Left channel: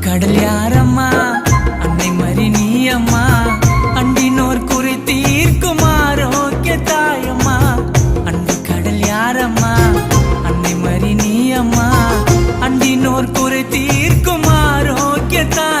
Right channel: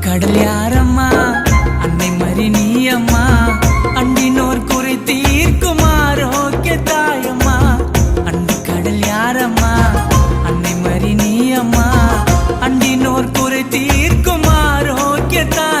கடல் யாரம்மா? அன்னை மறி நீ அம்மா அண்டினோர் குறை தீர்க்கும்? ஆரோக்கிய தாயம்மா. அன்பு கடல் யாரம்மா? அன்னை மறி நீ அம்மா அண்டினோர் குறை தீர்க்கும்? ஆரோக்கிய தாய்